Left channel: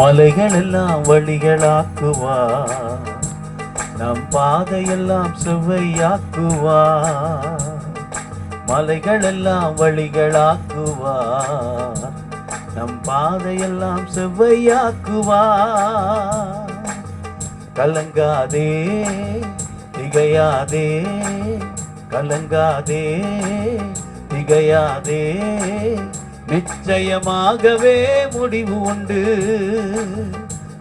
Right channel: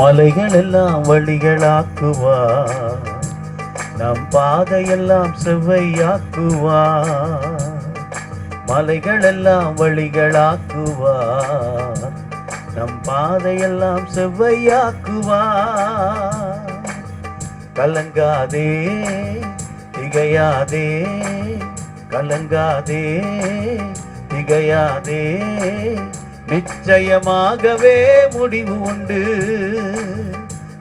மலைகள் எல்லாம் வழிகளாக்குவார், நம் பாதையெல்லாம் செவ்வையாக்குவார். மலைகள் எல்லாம் வழிகளாக்குவார், நம் பாதையெல்லாம் செவ்வையாக்குவார். கலங்காதே திகையாதே, கலங்காதே திகையாதே, நிச்சயமாகவே முடிவு உண்டு,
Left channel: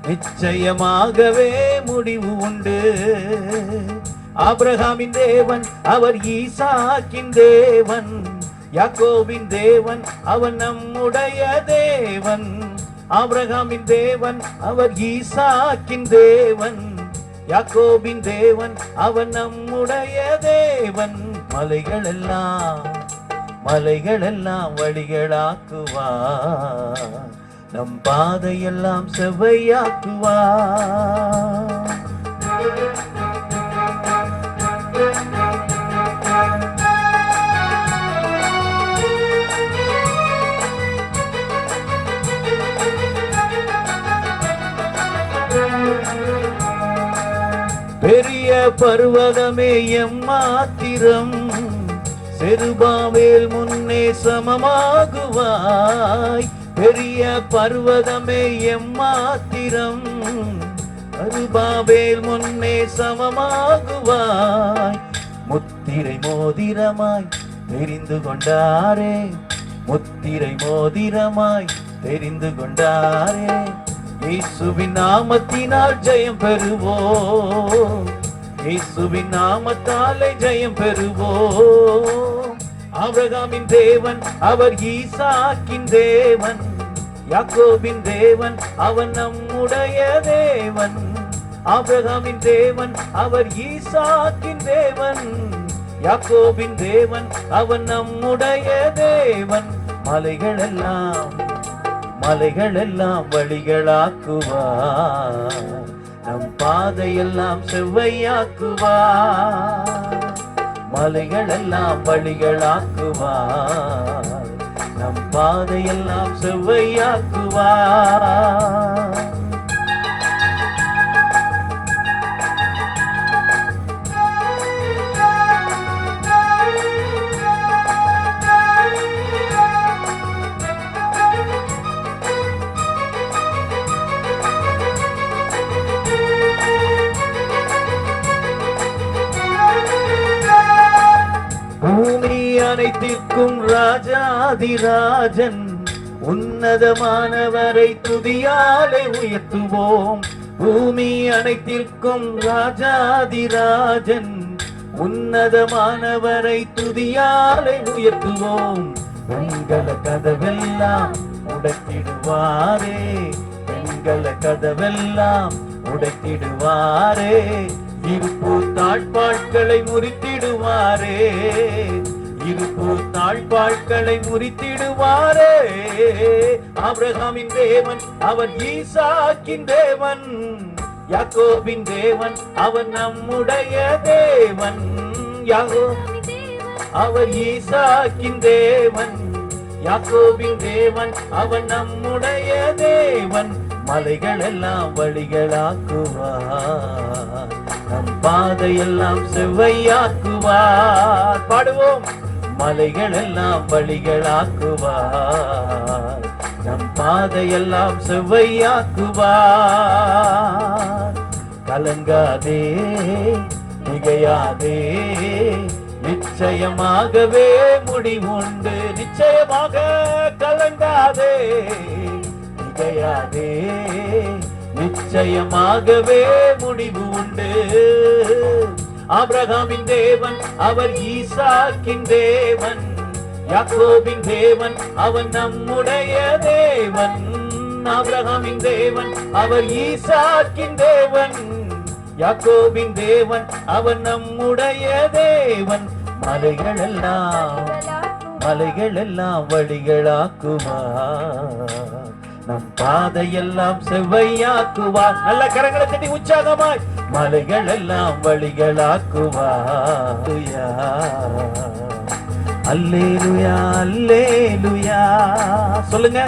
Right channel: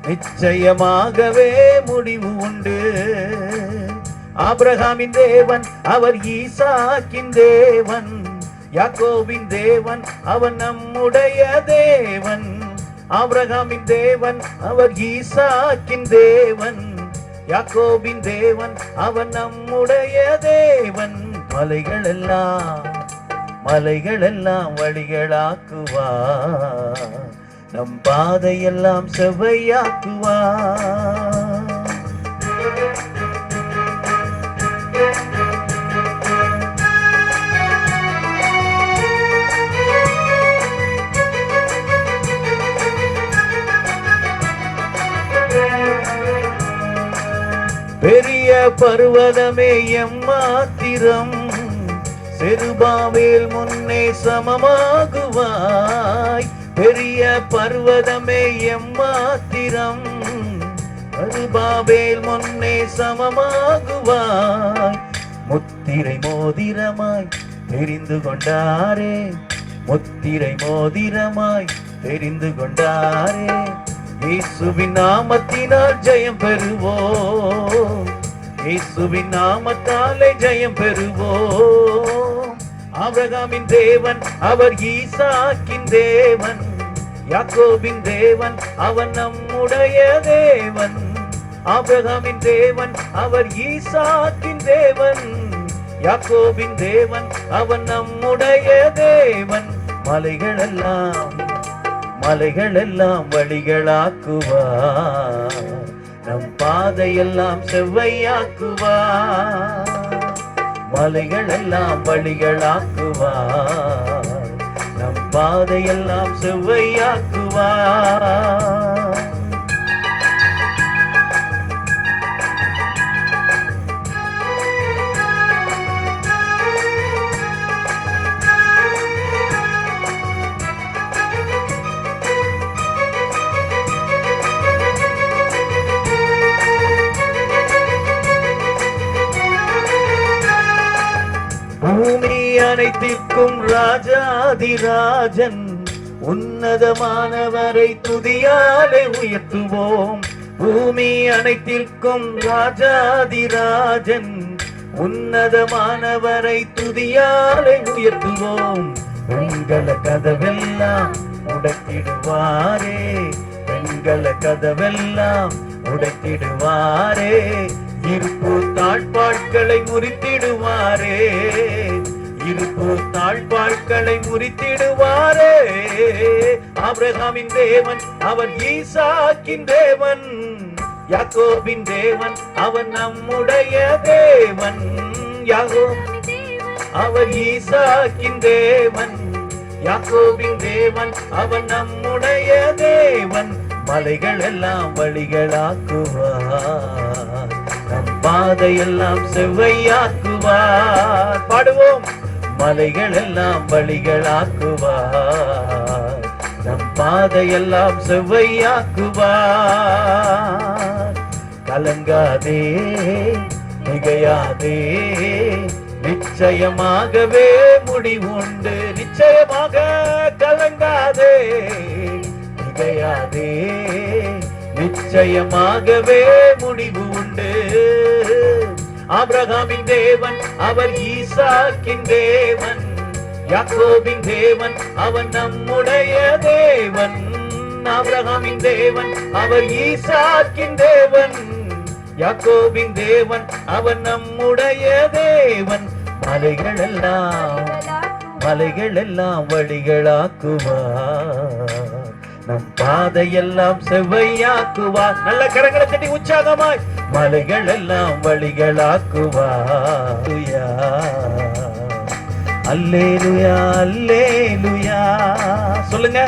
நிச்சயமாகவே முடிவு உண்டு. ஆபிரகாமின் தேவன் அவர் ஈசாக்கின் தேவன், யாக்கோபின் தேவன் அவர் நம்முடைய தேவன். ஆபிரகாமின் தேவன் அவர் ஈசாக்கின் தேவன், யாக்கோபின் தேவன் அவர் நம்முடைய தேவன். மலைகள் எல்லாம் வழிகளாக்குவார், நம் பாதையெல்லாம் செவ்வையாக்குவார். பெரிய பர்வதமே எம்மாத்திரம், செருபாவேல் முன்னே சமமாகுவாய். பெரிய பர்வதமே எம்மாத்திரம், செருபாவேல் முன்னே சமமாகுவாய். முத்திரை மோதிரமாய் தெரிந்து கொண்டாரே, முத்திரை மோதிரமாய் தெரிந்து கொண்டாரே. இயேசுவின் நாமத்தினால் ஜெயம் பெறுவோம், இயேசுவின் நாமத்தாலே ஜெயம் பெறுவோம். ஆபிரகாமின் தேவன் அவர் ஈசாக்கின் தேவன், யாக்கோபின் தேவன் அவர் நம்முடைய தேவன். ஆபிரகாமின் தேவன் அவர் ஈசாக்கின் தேவன், யாக்கோபின் தேவன் அவர் நம்முடைய தேவன். மலைகள் எல்லாம் வழிகளாக்குவார், நம் பாதையெல்லாம் செவ்வையாக்குவார். மலைகள் எல்லாம் வழிகளாக்குவார், நம் பாதையெல்லாம் செவ்வையாக்குவார். பூமி அனைத்திற்கும் ராஜாதிராஜன், உன்னதமானவரை துதியாலே உயர்த்துவோம். பூமி அனைத்திற்கும் ராஜாதிராஜன், உன்னதமானவரை துதியாலே உயர்த்துவோம். வெண்கல கதவெல்லாம் உடைத்திடுவாரே, வெண்கல கதவெல்லாம் உடைத்திடுவாரே. இருப்பு தாழ்பாட்களை முறித்திடுவாரே, இருப்பு தாழ்பாட்களை முறித்திடுவாரே. ஆபிரகாமின் தேவன் அவர் ஈசாக்கின் தேவன், யாக்கோபின் தேவன் அவர் நம்முடைய தேவன். அவர் ஈசாக்கின் தேவன், யாக்கோபின் தேவன் அவர் நம்முடைய தேவன். மலைகள் எல்லாம் வழிகளாக்குவார், நம் பாதையெல்லாம் செவ்வையாக்குவார். பாடுவோம். மலைகள் எல்லாம் வழிகளாக்குவார், நம் பாதையெல்லாம் செவ்வையாக்குவார். கலங்காதே திகையாதே, நிச்சயமாகவே முடிவுண்டு. நிச்சயமாக கலங்காதே திகையாதே, நிச்சயமாகவே முடிவு உண்டு. ஆபிரகாமின் தேவன் அவர் ஈசாக்கின் தேவன், யாக்கோபின் தேவன் அவர் நம்முடைய தேவன். ஆபிரகாமின் தேவன் அவர் ஈசாக்கின் தேவன், யாக்கோபின் தேவன் அவர் நம்முடைய தேவன். மலைகள் எல்லாம் வழிகளாக்குவார், நம் பாதையெல்லாம் செவ்வையாக்குவார். நல்ல கரங்களை தட்டி உற்சாகமாய். மலைகள் எல்லாம் வழிகளாக்குவார். அல்லேலுயா அல்லேலுயா சொல்லுங்க.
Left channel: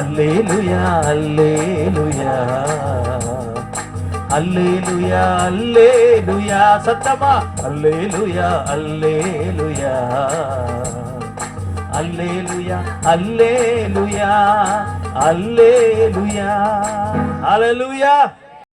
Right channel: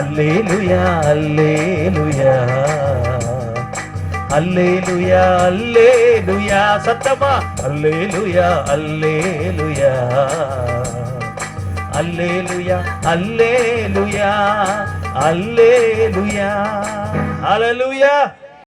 அல்லேலூயா அல்லேலூயா அல்லேலூயா அல்லேலூயா சத்தமா அல்லேலூயா அல்லேலூயா அல்லேலூயா அல்லேலூயா அல்லேலூயா அல்லேலூயா